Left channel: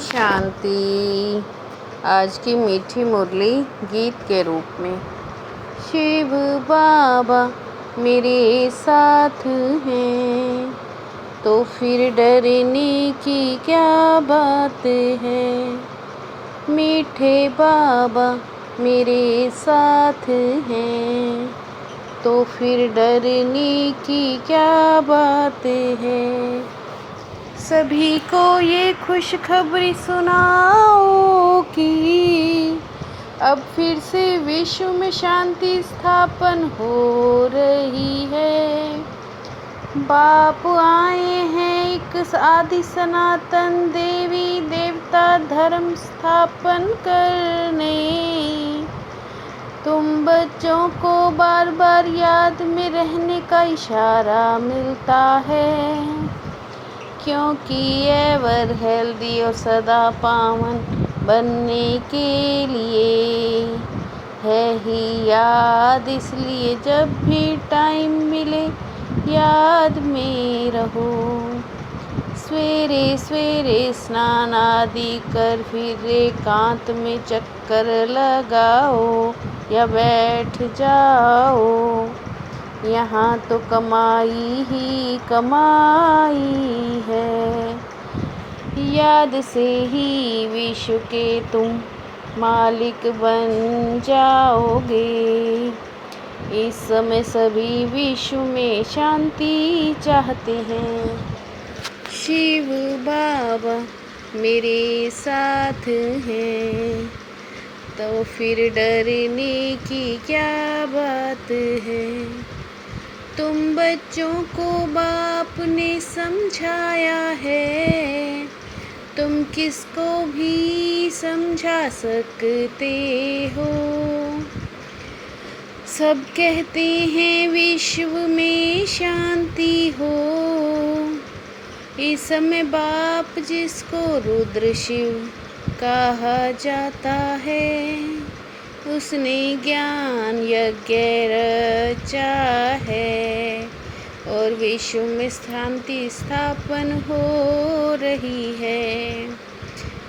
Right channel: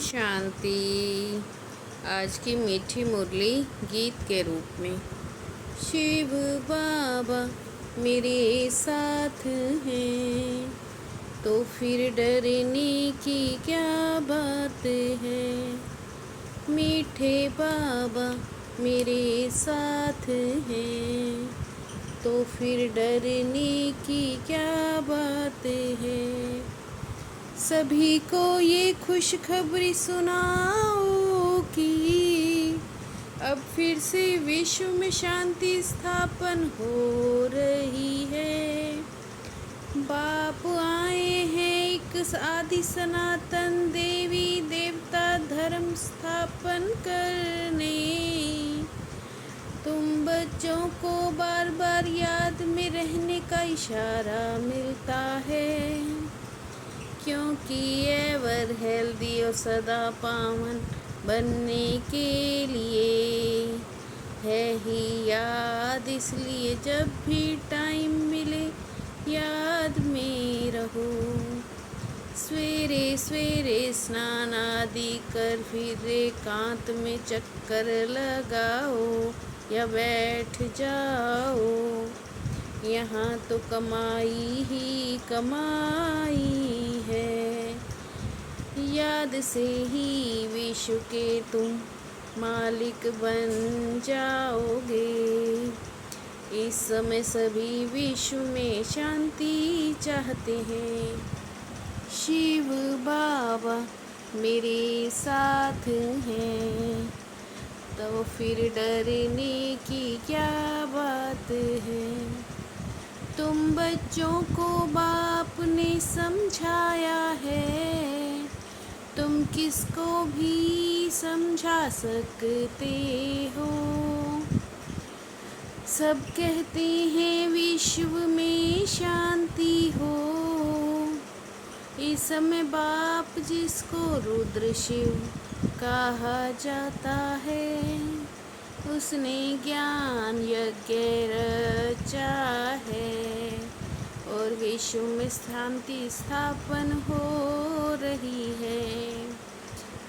शांति। आज की मीठी मुरली गीत के रूप में। शिव बाबा मेरे साथ हैं तो फिर डरने की क्या बात है। मीठे बाबा मेरे साथ हैं तो फिर डरने की क्या बात है। सभी को ये खुशखबरी सुनाओ कि अब फिर से विश्व में शांति स्थापन हो रही है। बाप आए हैं एक आदि सनातन देवी देवता धर्म स्थापन करने। तुम बच्चों को बार बार याद में रहने का इशारा मिलता है, क्योंकि एवर हेल्दी और सदा पावन बनने के लिए है ही याद। इसलिए जब भी टाइम मिले याद में रहो। सवेरे सवेरे स्नान आदि कर फिर एकांत में चक्कर लगाओ या बैठ जाओ। यहाँ तो कमाई ही कमाई है। याद से ही विश्व के तुम मालिक बन जाओगे। इस समय सभी विश्व में शांति चाहते हैं। शिव बाबा मेरे साथ हैं तो फिर डरने की क्या बात है। तुम बच्चों को बाप ने समझाया है, तुम किसको भी समझा सकते हो। सब कहते हैं विश्व में शांति हो। इस समय बाप जिसको रुद्र शिव कहा जाता है, उसने ज्ञान यज्ञ रचा है और विश्व में शांति स्थापन हो रही है।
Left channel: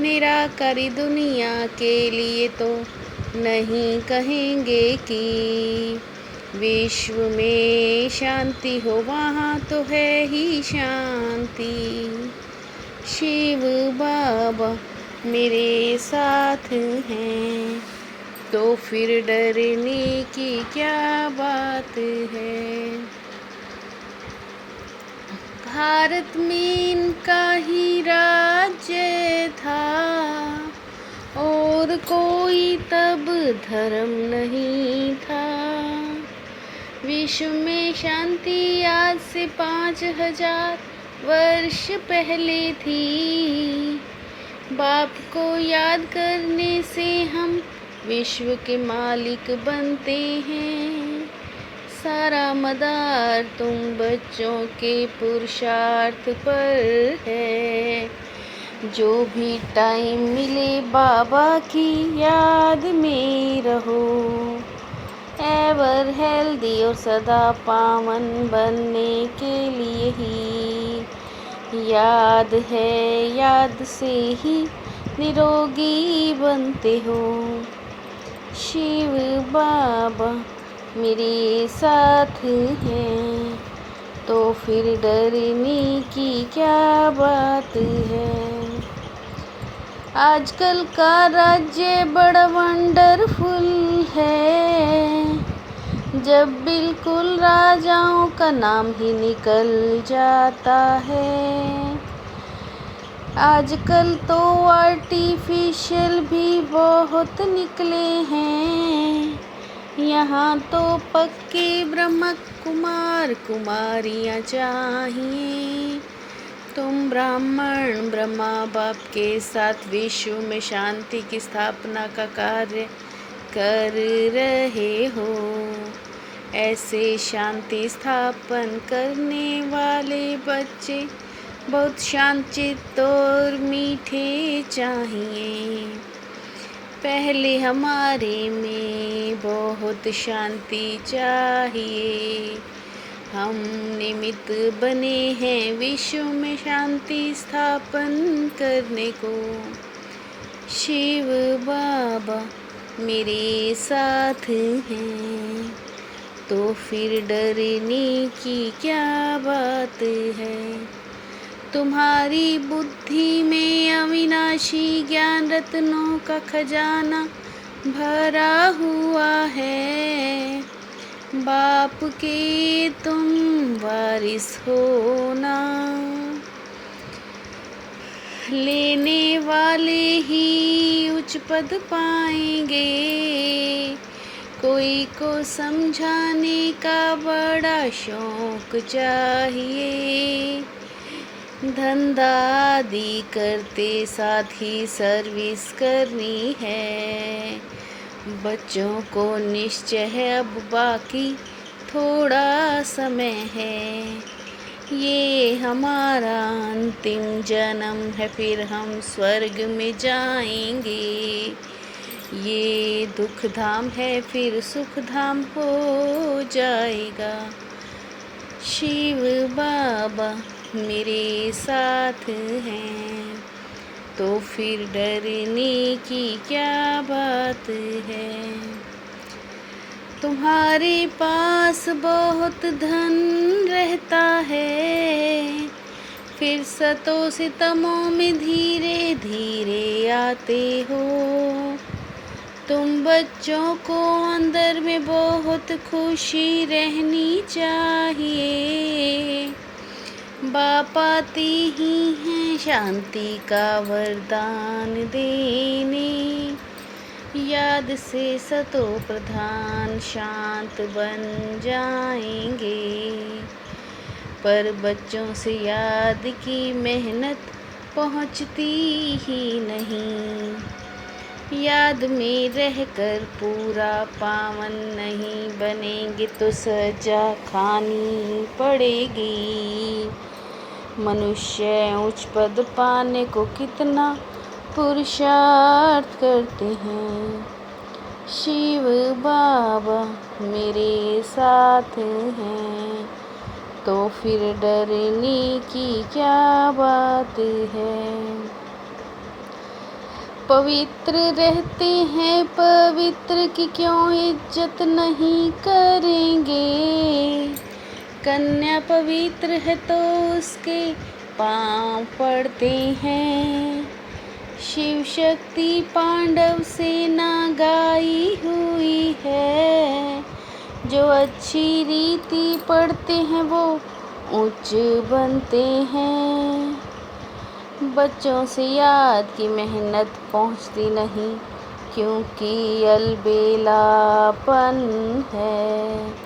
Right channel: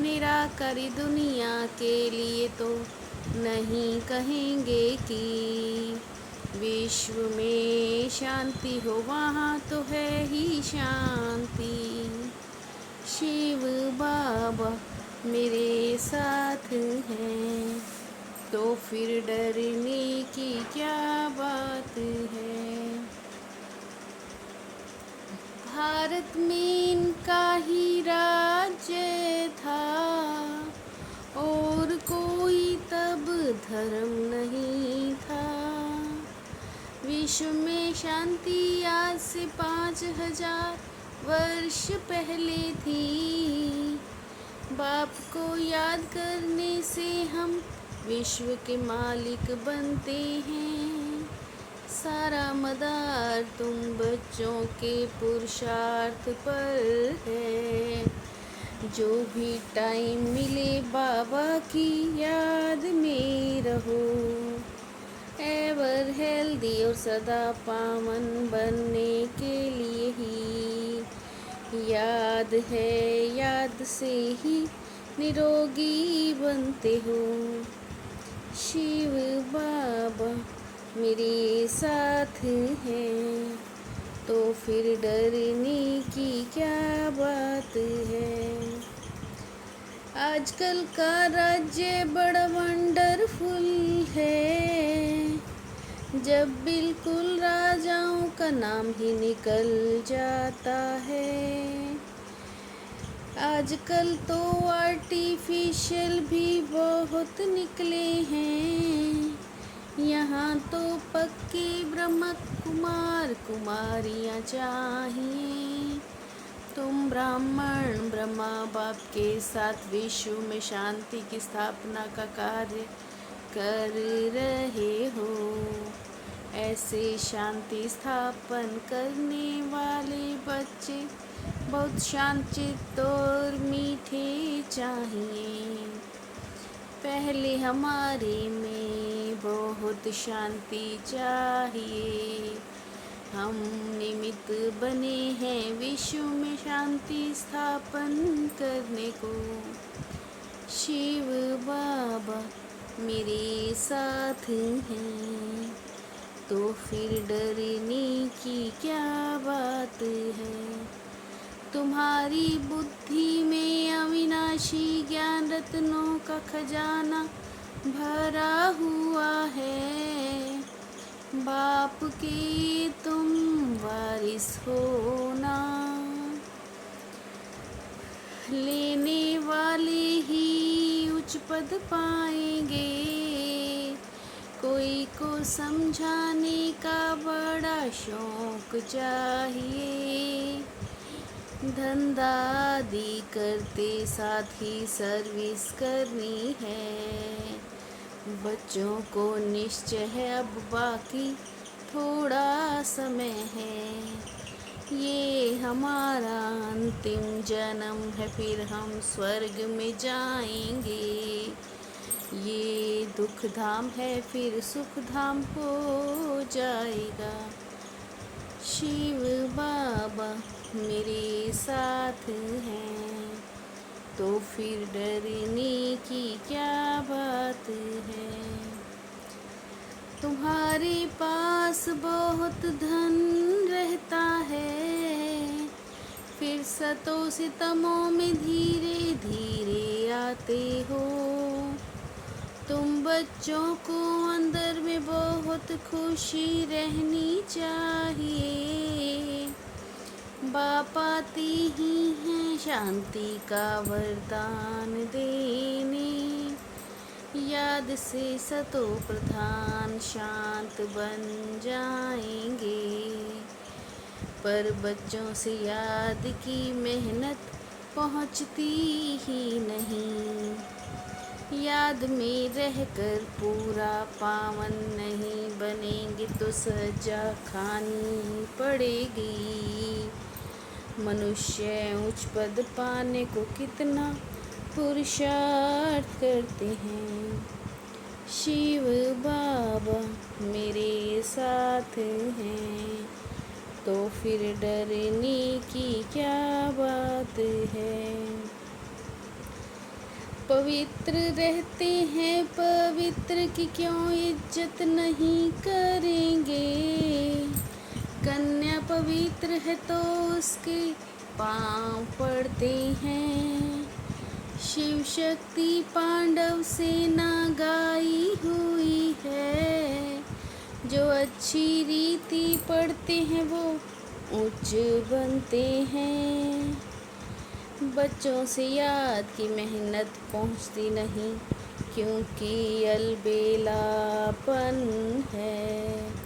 निराकारी दुनिया के लिए तो नहीं कहेंगे कि विश्व में शांति हो, वहाँ तो है ही शांति। शिव बाबा मेरे साथ हैं तो फिर डरने की क्या बात है। भारत में इनका ही राज्य था और कोई तब धर्म नहीं था। विश्व में शांति आज से 5000 वर्ष पहले थी। बाप को याद करने से हम विश्व के मालिक बनते हैं। सारा मदार तुम बच्चों के पुरुषार्थ पर है। जो भी टाइम मिले बाबा की याद में रहो। एवर हेल्दी और सदा पावन बनने के लिए ही याद है। याद से ही निरोगी बनते हो। शिव बाबा मेरे साथ हैं तो फिर डरने की क्या बात है। आजकल का राज्य बड़ा वंडरफुल है, जब बिल्कुल राजाओं का नाम ही निकल जाता है। आजकल तो आर्टिफिशियल भी बहुत निकले हैं। यहाँ तो पक्के ब्रह्म कुमार कुमारियाँ चाहिए। तुम ब्राह्मण ब्रह्मा बाप के साथ विश्व में शांति की स्थापना का कार्य कर रहे हो। ऐसे शांति स्थापन करने वाले बच्चे बहुत शांतचित्त और मीठे चाहिए। पहले हमारे में बहुत शांति चाहिए। हम निमित्त बने हैं विश्व में शांति स्थापन करने को। शिव बाबा मेरे साथ हैं, तो फिर डरने की क्या बात है। तुम्हारी बुद्धि में अविनाशी ज्ञान रत्नों का खजाना भरा हुआ है। बाप के तुम वारिस हो ना, लेने वाले ही उच्च पद पाएंगे। कोई को समझाने का बड़ा शौक चाहिए। धंधा आदि करते साथ ही सर्विस करनी है। बच्चों को निश्चय है अब बाकी थोड़ा समय है। ये हमारा अंतिम जन्म है, फिर हम स्वर्ग में जाएंगे। ये दुख धाम है, फिर सुख धाम हो जाएगा। शिव बाबा मेरे साथ हैं, तो फिर डरने की क्या बात है। तुम्हारे पास बहुत धन रहता है, फिर सतो सितमों में धीरे धीरे आते हो। तुम बच्चों को अंदर में बहुत खुशी रहनी चाहिए। बाप आते ही हैं शांति का वरदान देने। याद से सतो प्रधान शांत बन जाएंगे। पर बच्चों से याद की मेहनत पहुँचती ही नहीं। याद में रहकर पूरा पावन नहीं बनेंगे तो सजा खानी पड़ेगी। मनुष्य उच्च पद पाने को कितना पुरुषार्थ करते हैं। शिव बाबा मेरे साथ हैं, तो फिर डरने की क्या बात है। पवित्र रहते हैं, पवित्र की क्यों इज्जत नहीं करेंगे। कन्या पवित्र है तो उसके पाँव पड़ते हैं। शिव शक्ति पांडव सेना गाई हुई है। जो अच्छी रीति पढ़ते हैं वो उच्च बनते हैं। बच्चों से याद की मेहनत पहुँचती नहीं, क्योंकि अलबेलापन है।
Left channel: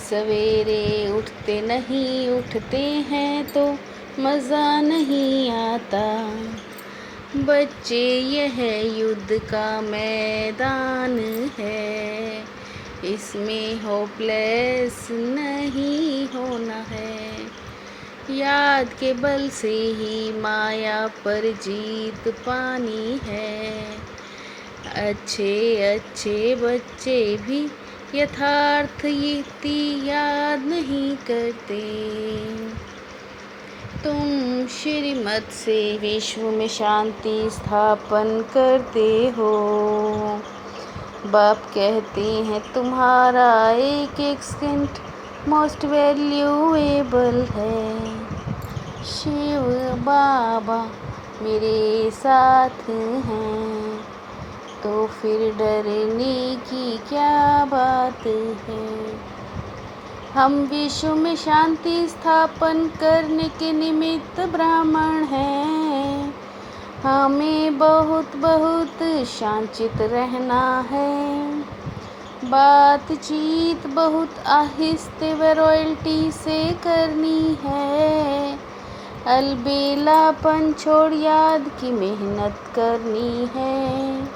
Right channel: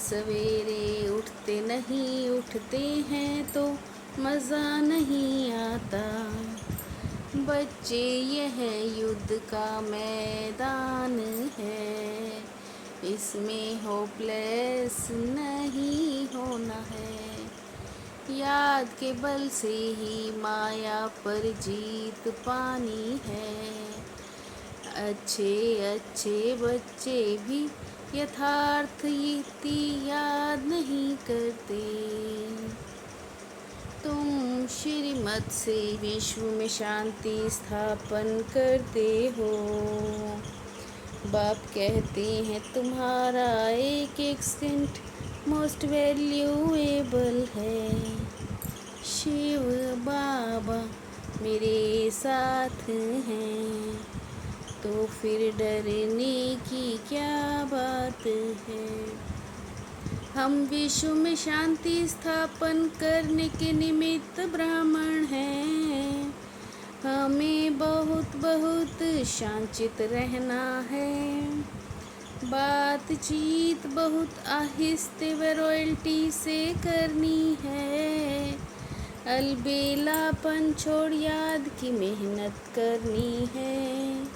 सवेरे उठते नहीं, उठते हैं तो मज़ा नहीं आता। बच्चे यह युद्ध का मैदान है, इसमें होपलेस नहीं होना है। याद के बल से ही माया पर जीत पानी है। अच्छे अच्छे बच्चे भी यथार्थ युक्ति याद नहीं करते। तुम श्रीमत से विश्व में शांति स्थापन करते हो। बाप कहते हैं तुम्हारा एक एक सेकंड मोस्ट वैल्यूएबल है। शिव बाबा मेरे साथ हैं, तो फिर डरने की क्या बात है। हम विश्व में शांति स्थापन करने के निमित्त ब्राह्मण हैं। हमें बहुत बहुत शांतित रहना है। बातचीत बहुत आहिस्ते व रॉयल्टी से करनी है। अलबेलापन छोड़ याद की मेहनत करनी है।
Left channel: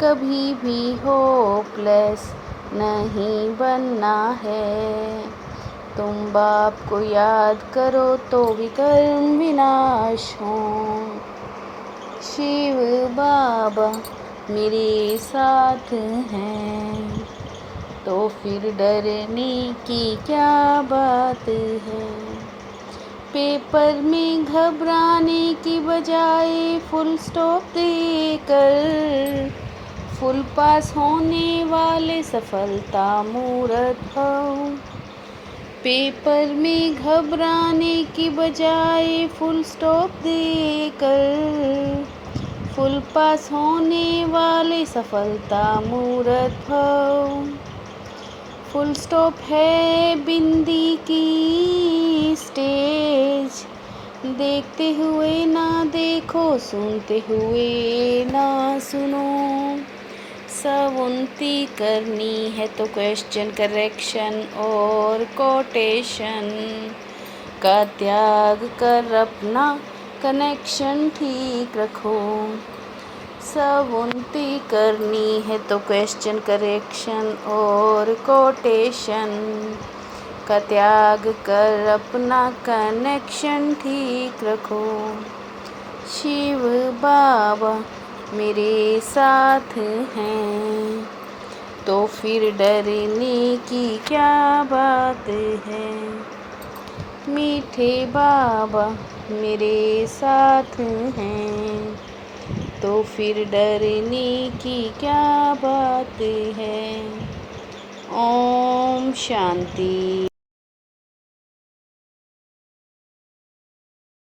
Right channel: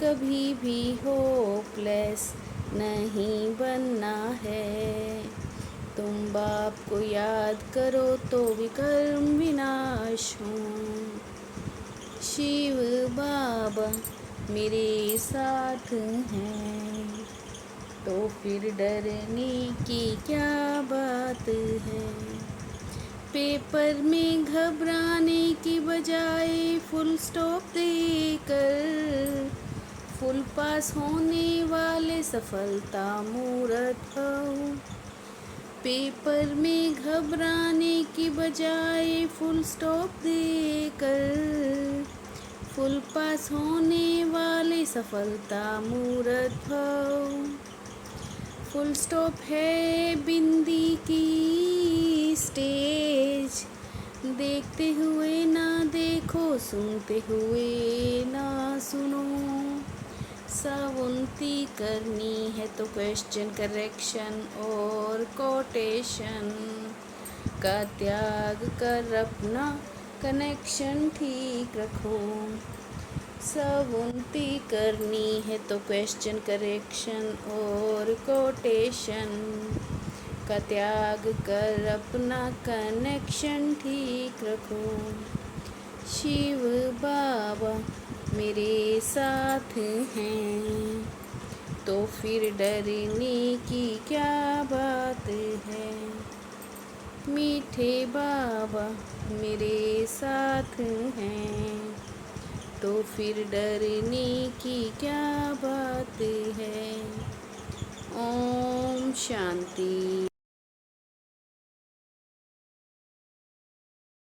कभी भी होपलेस नहीं बनना है। तुम बाप को याद करो तो विकर्म विनाश हो। शिव बाबा मेरे साथ हैं, तो फिर डरने की क्या बात है। पेपर में घबराने की बजाय फुल स्टॉप देकर फुल पास होने वाले सफलता मूर्त हो। पेपर में घबराने की बजाय फुल स्टॉप देकर फुल पास होने वाले सफलता मूर्त हो। फुल स्टॉप है बिंदी की स्टेज, देखते हुए ना देखो, सुनते हुए ना सुनो। सवुनती करनी है तो क्वेश्चन करेक्शन और कोटेशन का त्याग कर अपना कनेक्शन ठीक रखो। सवुनती करनी है तो क्वेश्चन करेक्शन और कोटेशन का त्याग कर अपना कनेक्शन ठीक रखो। शिव बाबा मेरे साथ हैं, तो फिर डरने की क्या बात है। मीठे बाबा मेरे साथ हैं, तो फिर डरने की क्या बात है। ओम शांति।